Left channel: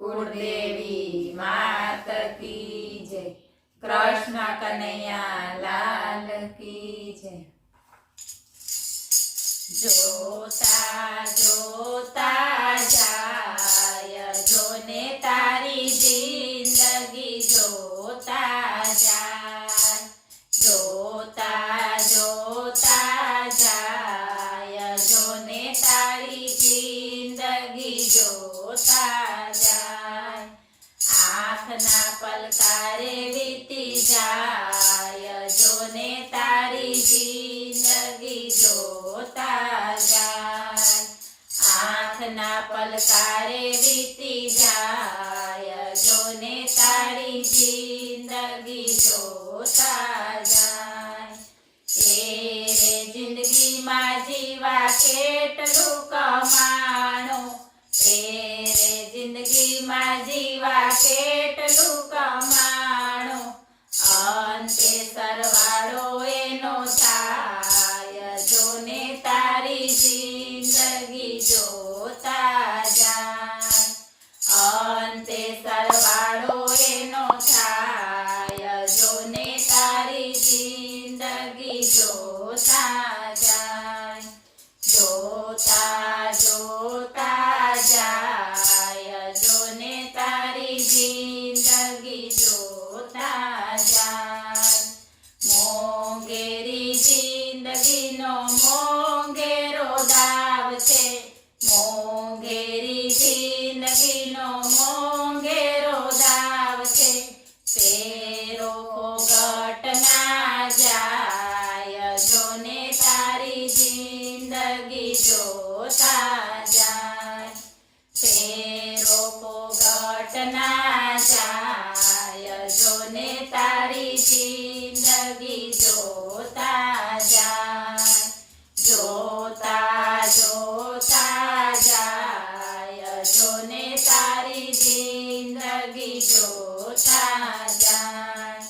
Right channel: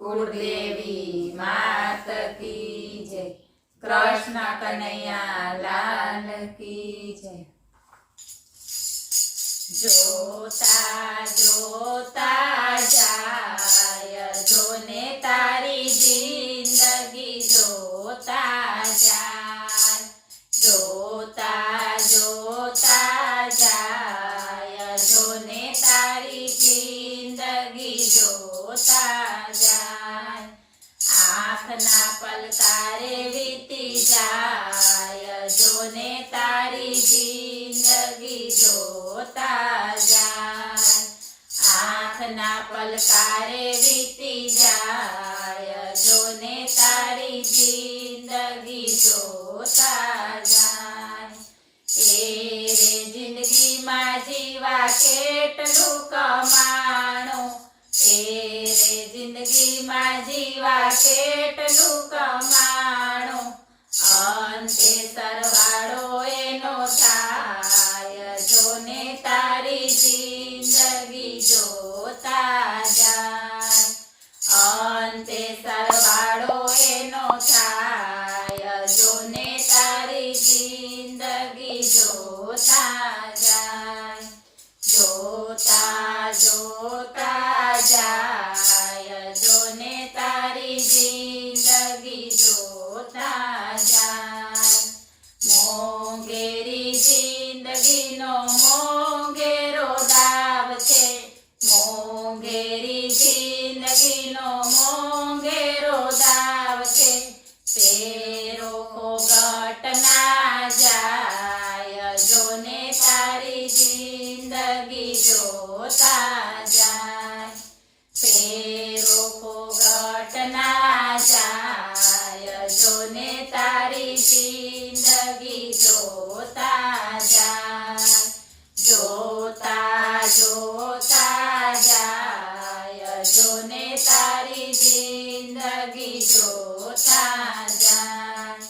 કુળદેવી માત કી જય, કૃષ્ણ કનૈયા લાલ કી જય। જોતા જોતા જાય જોને તારી જિંદગી જોતા જાય, જોતા જોતા જાય જોને તારી જિંદગી જોતા જાય। આંખના પલકારે વીતી જાય જોને તારી જિંદગી જોતા જાય। આંખના પલકારે વીતી જાય જોને તારી જિંદગી જોતા જાય। એ રે જિંદગીમાં જીવા કેટલું કમાણું, એ રે જિંદગીમાં જીવા કેટલું કમાણું, અંતે સરવાળો એનો થાય જોને તારી જિંદગી જોતા જાય। અંતે સરવાળો એનો થાય જોને તારી જિંદગી જોતા જાય। જોતા જોતા જાય જોને તારી જિંદગી જોતા જાય। મોંઘેરી જિંદગીનો મોંઘેરો દાવ છે, મોંઘેરી જિંદગીનો મોંઘેરો દાવ છે, તેરો ફોગટ ના જાય જોને તારી જિંદગી જોતા જાય। તેરો ફોગટ ના જાય જોને તારી જિંદગી જોતા જાય। જોતા જોતા જાય જોને તારી જિંદગી જોતા જાય।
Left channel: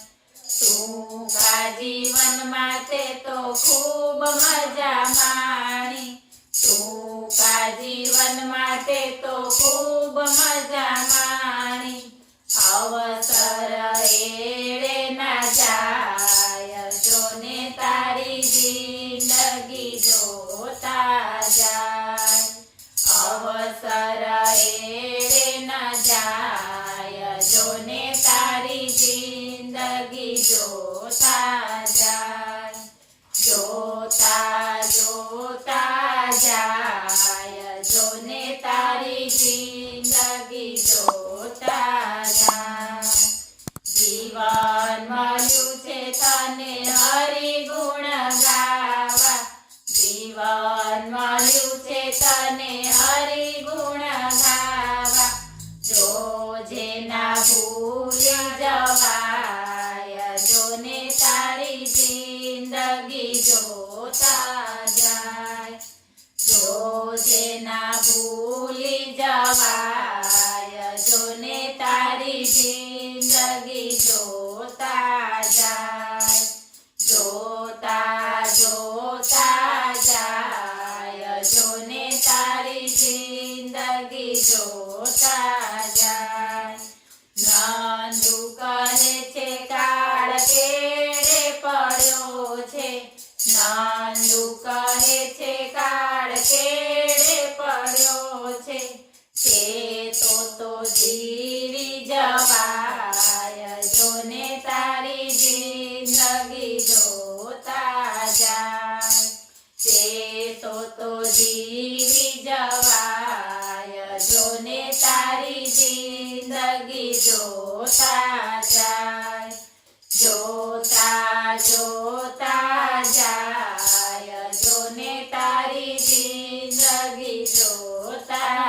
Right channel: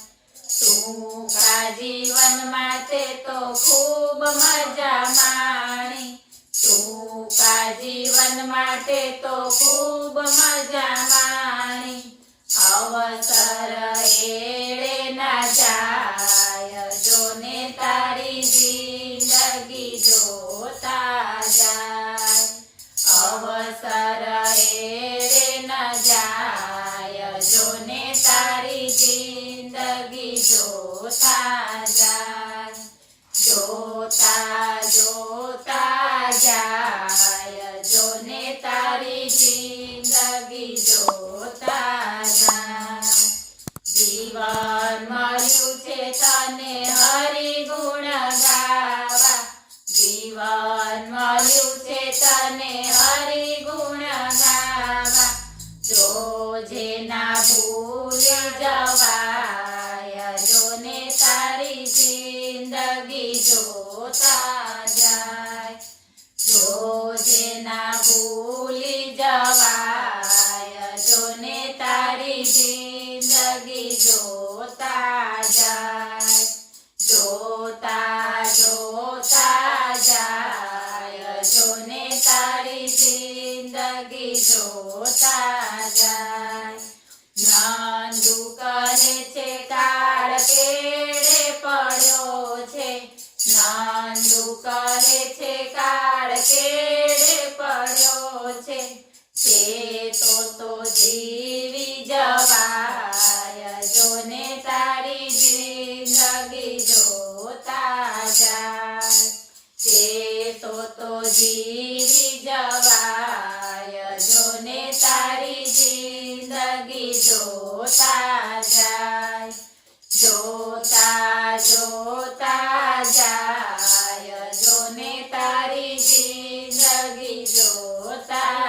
ટૂંકા જીવનમાં તે તો ખૂબ મજા માણી, ટૂંકા જીવનમાં તે તો ખૂબ મજા માણી, અવસર એળે ના જાય જોને તારી જિંદગી જોતા જાય। અવસર એળે ના જાય જોને તારી જિંદગી જોતા જાય। જોતા જોતા જાય જોને તારી જિંદગી જોતા જાય। જીવન મળ્યું છે તને હરિ ગુણ ગાવા, જીવન મળ્યું છે તને હરિ ગુણ ગાવા, જોજે ના ભૂલી જવાય જોને તારી જિંદગી જોતા જાય। જોજે ના ભૂલી જવાય જોને તારી જિંદગી જોતા જાય। જોતા જોતા જાય જોને તારી જિંદગી જોતા જાય। નંદુ કહે છે કાળ કેળે પડ્યો છે, નંદુ કહે છે કાળ કેળે પડ્યો છે, તે તો જીવી જવાય જોને તારી જિંદગી જોતા જાય। તે તો જીવી જવાય જોને તારી જિંદગી જોતા જાય। જોતા જોતા જાય જોને તારી જિંદગી જોતા